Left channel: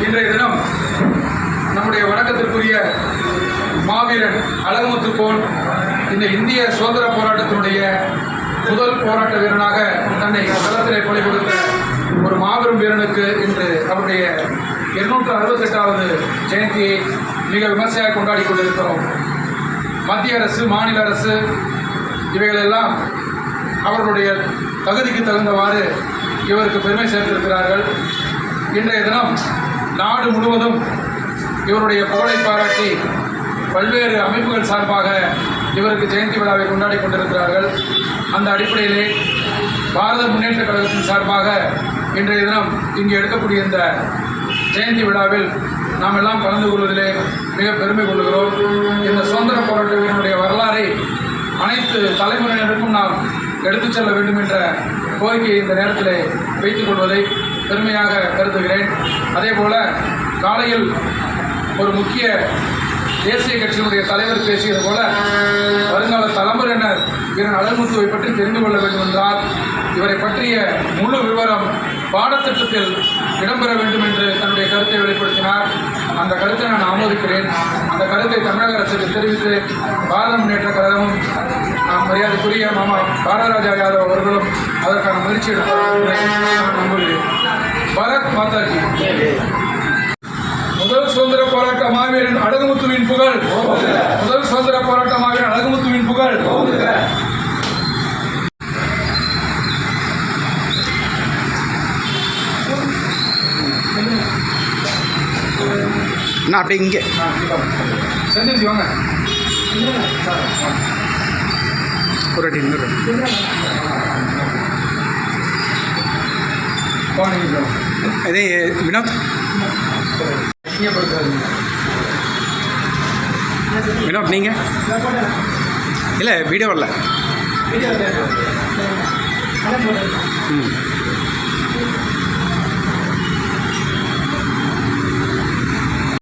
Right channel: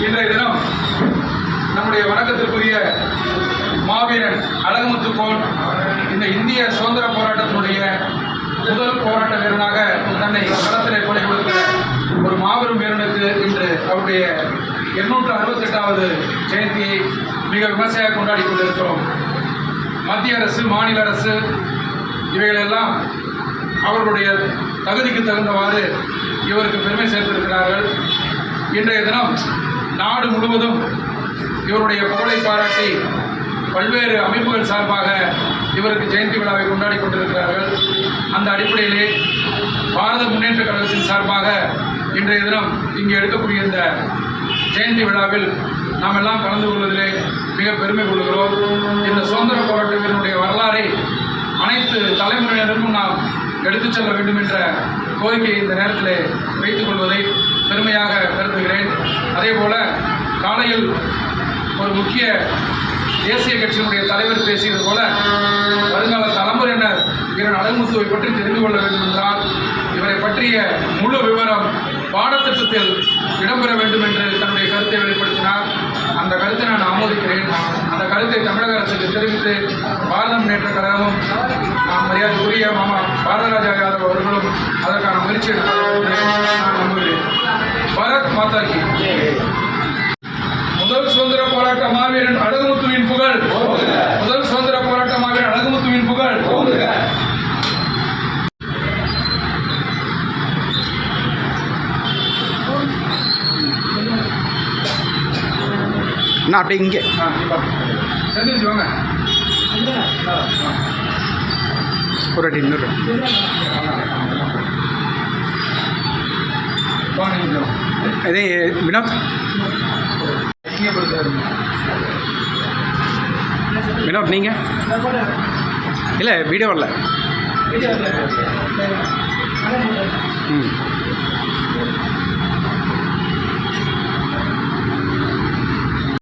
இன்றைய தினம் நம்முடைய வணக்கத்திற்குரிய மாவீரன் அழகுமுத்து கோன் இந்த இந்திய சுதந்திர போராட்டத்தினுடைய முதல் போராட்ட வீரனாக தன்னை களத்திலே கொலை கொடுத்த ஒரு மாபெரும் வீரனுக்கு இன்று அவருடைய இருநூற்று அறுபத்தெட்டாவது ஜெயந்தியை மிக விமர்சையாக கொண்டாடி கொண்டிருக்கிறோம். மத்திய அரசு மாநில அரசு இவைகளெல்லாம் அவர்களுடைய தகுதிக்கு தகுந்தவாறு இவருக்கு பெருமை சேர்த்திருக்கிறார்கள். இன்றைய தினம் நாடு முழுவதும் இவருடைய புகழை பாராட்டி பல்வேறு அமைப்புகள் சார்பாக இவருக்கு ஜெயந்தி விழாவை கொண்டாடி கொண்டிருக்கிறார்கள். அந்த அடிப்படையிலே பாரத முன்னேற்ற கழகத்தின் சார்பாக இன்றைய தினம் இங்கு எடுக்கக்கூடிய இந்த ஜெயந்தி விழாவில் நாம் எல்லாம் கலந்து கொள்வதிலே மிக பெருமை கொள்கிறோம். இந்த சுதந்திர போராட்டத்தினுடைய வரலாறை அனைத்து தலைமுறையினருக்கும் நாம் எடுத்துச் செல்ல வேண்டும் என்ற கோரிக்கையை இந்த நேரத்தில் வைத்துக் கொள்வதை பெருமையாக கருதுகிறேன். அதே போல காலையில் ஒரு முக்கிய தேசிய கட்சியினுடைய தலைவர் பேசியது போல வருங்கால தலைமுறையினர் வீரன் அழகுமுத்துவை பற்றி தெரிந்து கொள்ள வேண்டும் என்றால் இவரை பற்றிய முழு விவரம் பாடத்திட்டத்தில் இடம்பெற வேண்டும் என்று தன்னுடைய கருத்தை வெளிப்படுத்தினார். அந்த கருத்தை நான் ஆமோதிக்கிறேன். அந்த கருத்தை தமிழக அரசுக்கு தெரிவித்து பாரத முன்னேற்ற கழகமும் மரியாதைக்குரிய மாமா பாரதராஜா யாதவ் அவர்களும் அதற்கான முயற்சி நான் நம்புகிறேன் பாரத் மாதா கி முதல் சுதந்திர போராட்ட மாவீரன் அழகுமுத்துவின் புகழ். முதல் சுதந்திர போராட்ட மாவீரன் அழகுமுத்துவின் புகழ். நான் அப்படியே இங்கே. செந்தில்ஜி வாங்க. வாங்க நீங்க இதே வினோத்? வினோத் நீங்கள் இல்லை வீடியோ வரல. ம்.